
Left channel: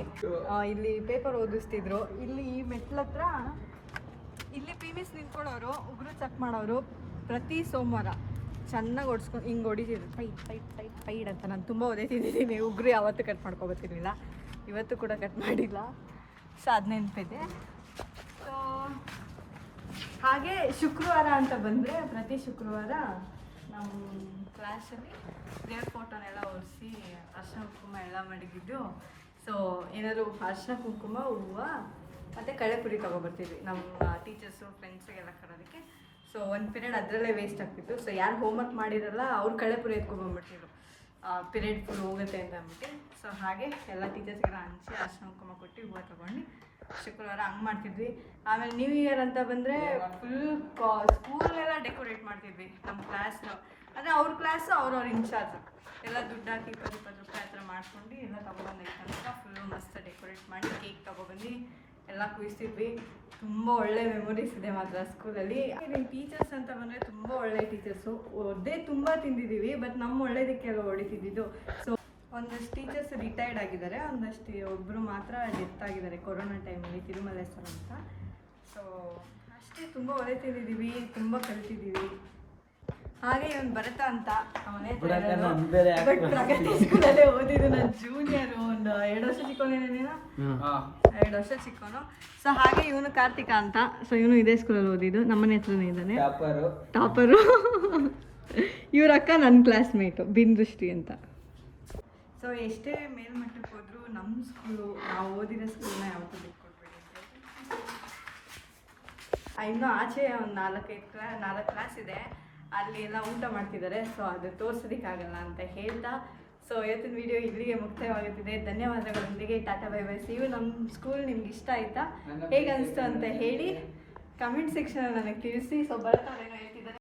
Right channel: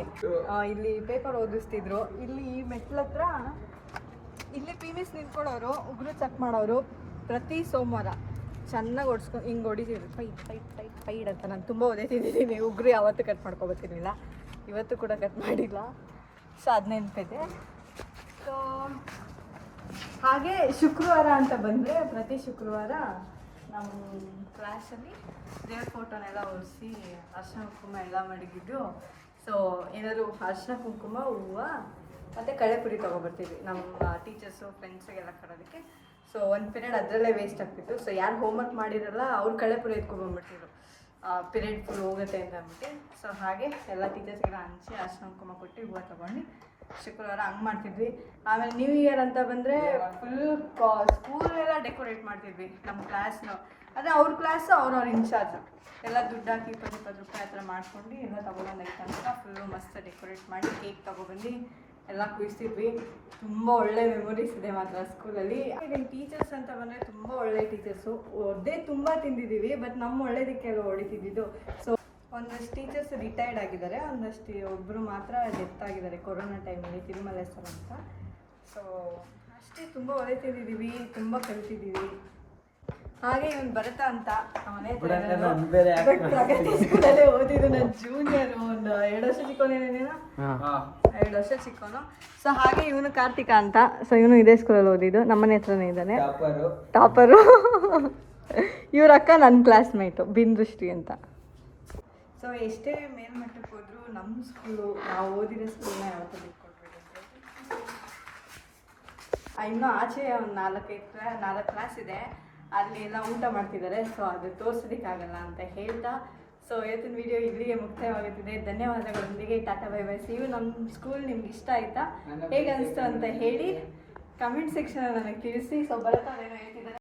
ಇಲ್ಲಿ ಪೇಪರ್ ಓದಿಸ್ತಿದ್ರು. ಇಲ್ಲಿ ಈ ಮೆಟ್ಲ ಹತ್ರ ಇಲ್ಲಿ ಮಿಸ್ ನಿಂತ್ಕೊಳ್ಳೋರು, ಉಗುರು ಚೆಕ್ ಮಾಡೋರು. ಪ್ರತಿ ಸೋಮವಾರ ಚೆನ್ನಾಗಿ ಹೊಡ್ಸ್ಕೊಂಡು ಹಿಂಗೆ ಹೊಡಿತಿದ್ರು, ಫೈಟ್ ಫೈಟ್ ಫೈಟ್ ಫೈಟ್ ಅಂತ. ನಾನು ತುಂಬ ಓದೈತಿದ್ದೀನಿ. ಉಗುರು ಯಾವತ್ತೂ ಕಟ್ ಮಾಡ್ಕೊಬತ್ತಿರಲಿಲ್ಲ, ಇವತ್ತು ಕೂಡ ಕಟ್ ಮಾಡಿಲ್ಲ. ಸೊ ಅದು ನೆನಪಿದೆ. ಸೊ ಹಾಗೆ ಶುಕ್ರವಾರ ಅಂತ ಬಂದರೆ ಪ್ರತಿ ಶುಕ್ರವಾರ ನಮ್ಮ ಕ್ಲಾಸಲ್ಲಿ ದೇವ್ರ ಫೋಟೋನೆಲ್ಲ ಒರೆಸಿ ಅರ್ಶಿನ ಕುಂಕುಮ ಎಲ್ಲ ಮಡಗಿದ್ದು. ಸೊ ಏನಾದರೂ ಅರ್ಶಿನ ಕುಂಕುಮ, ಹೂವು ಮತ್ತು ಕಳೆಪುರಿ ತೊಗೊಬರ್ತೀವಿ ನಮ್ಮ ಟೀಚರ್ಸು ಫ್ರೆಂಡ್ಸಿಗೆಲ್ಲ ಕರೋದಕ್ಕೆ. ಸೊ ಒಂದು ಪಿರಿಯಡ್ ಅದರಲ್ಲೇ ವೇಸ್ಟ್ ಆಗ್ತಿತ್ತು. ಸೊ ಯಾರು ಹೋಮ್ವರ್ಕ್ ಮಾಡಿರಲ್ಲ ಅವ್ರು ಕಳೆಪುರಿ ಎತ್ಕೊಬಂದ್ಬಿಟ್ಟಿದ್ರು, ಪಿರಿಯಡ್ ಫುಲ್ ಹೋಗುತ್ತೆ ಅಂತ ಅಂದ್ಬಿಟ್ಟು. ಸೊ ಹಾಗೆ ಎಲ್ಲ ಟೀಚರ್ಸ್ಗೆಲ್ಲ ಹಂಚಿ ಅರ್ಶಿನ ಕುಂಕುಮ ಕೊಟ್ಟು ಹೂವು ತೊಗೊಂಡು ಶುಕ್ರವಾರ ಹಂಗೆ ಮಾಡ್ತಿದ್ವಿ. ಆಮೇಲೆ ನ್ಯೂ ಇಯರ್ ಅಂತ ಬಂದರೆ ಫುಲ್ ಸ್ಕೂಲೆಲ್ಲ ಡೆಕೋರೇಟ್ ಮಾಡ್ತಿದ್ವಿ ನಮ್ಮ ಕ್ಲಾಸ್ನು. ಅದೇ ಅವ್ರ ಕ್ಲಾಸು ಅವ್ರವ್ರ ಇನ್ಚಾರ್ಜ್ ಎಲ್ಲ ದುಡ್ಡು ಹಾಕಿ 20 ರೂಪಾಯಿ ಆ ಥರ ಮಾಡ್ಕೊಂಡು ಎಲ್ಲ ತೊಗೊಬಂದು ಐತೆ ಫುಲ್ಲು ಮಸ್ತ್ ಡೆಕೋರೇಟ್ ಮಾಡಿ ಕೇಕ್ ತೊಗೊಬಂದು ಎಲ್ಲ ಕುಯಿಸ್ತಿದ್ವಿ. ತುಂಬ ಒಳ್ಳೆ ಮೆಮೊರೀಸ್ ಇದೆ ಮಾತ್ರ ಸ್ಕೂಲಲ್ಲಿ. ಟೀಚರ್ಸ್ ಅಂತ ಬಂದರೆ ತುಂಬ ಒಳ್ಳೆ ಟೀಚರ್ಸು. ಒದ್ದೇ ತುಂಬ ತಿಂದಿದ್ದೀವಿ, ಬಟ್ ನಮ್ಮ ಒಳ್ಳೇದಕ್ಕೆಲ್ಲ ಹೊಡಿತಿದ್ದಿದ್ದು. ಸೊ ಒಂದಷ್ಟು ಟೀಚರ್ಸ್ ರಿಟೈರ್ಡ್ ಆಗಿದ್ದಾರೆ, ಒಂದಷ್ಟು ಒಬ್ಬರು ಮಾತ್ರ ಡೆತ್ ಆಗಿದ್ದಾರೆ ಕೊರೋನಾ ಟೈಮಲ್ಲಿ, ತಿರುಮಲೆ ಸರ್ ಅಂತ. ಸೊ ಅಷ್ಟೇ, ತುಂಬ ಒಳ್ಳೆ ತಿಂದಿದ್ದೀವಿ, ತುಂಬ ಕಲಿತಿದ್ದೀವಿ. ಹಾಗೆ ಇವನು ಭರತ ಅಂತ ಬಟ್ ಪ್ರಗತಿ ಸ್ಕೂಲಲ್ಲೇ ಓದಿದ್ದು. ನನ್ನ ಜೂನಿಯರು, ಒಂದು 2 ವರ್ಷ ಚಿಕ್ಕವನೇನೇನೋ, 2 ವರ್ಷ ಚಿಕ್ಕವನು. ಸೊ ಹಾಗೆ ಇವನು ಕಾರ್ತಿಕ ಅಂತ. ಸೊ ಇವನು ಇದೇ ಸ್ಕೂಲಲ್ಲಿ ಓದಿದ್ದು, ನಮ್ಮನೆ ಹತ್ರನೇ ಇದ್ದಾನೆ, ಟಾಪರು. ಇವ್ರ ಅಕ್ಕ ನನ್ನ ಕ್ಲಾಸ್ಮೇಟು ಬಿಂದುಶ್ರೀ ಅಂತ. ಸೊ ಎಷ್ಟೇ ಮೇಲ್ಮಟ್ಟಕ್ಕೆ ಹೋದರೂ ನಮ್ಮ ಸ್ಕೂಲು, ನಾವು ಓದಿರೋ ಸ್ಕೂಲ್ನ ಯಾವತ್ತೂ ಬಿಟ್ಕೊಡ್ಬೇಡಿ. ಇನ್ನೂ ಆಚೆ ಒಂದು 4 ಕ್ಲಾಸ್ ಇದೆ, ಅಲ್ಲಿ ಎಲ್ಲ ಊಟ ಮಾಡ್ತಿದ್ದಾರೆ. ಸೊ ಅದು ತೋರಿಸೋದಕ್ಕಾಗಲ್ಲ ಅಂತ ಹೇಳ್ತಾ, ಸೊ ಇವತ್ತಿನ ವಿಡಿಯೋ ಇಲ್ಲಿಗೆ ಮುಕ್ತಾಯವಾಗುತ್ತಿದೆ. ಧನ್ಯವಾದಗಳೊಂದಿಗೆ ಟಾಟಾ ಬೈ ಬೈ. ನೀವು ನಮ್ಮ ಸ್ಕೂಲ್ ನಿಮ್ಗೆ ಇಷ್ಟ ಆಯಿತಾ, ಹೇಗೆ ಅನಿಸ್ತು ಅಂತ ಹೇಳಿ ಕಮೆಂಟ್ ಸೆಕ್ಷನಲ್ಲಿ ನನಗೆ ತಿಳಿಸಿ. ಸೊ ಭರತ ಏನೋ ಹೇಳ್ತಿದ್ದಾರೆ.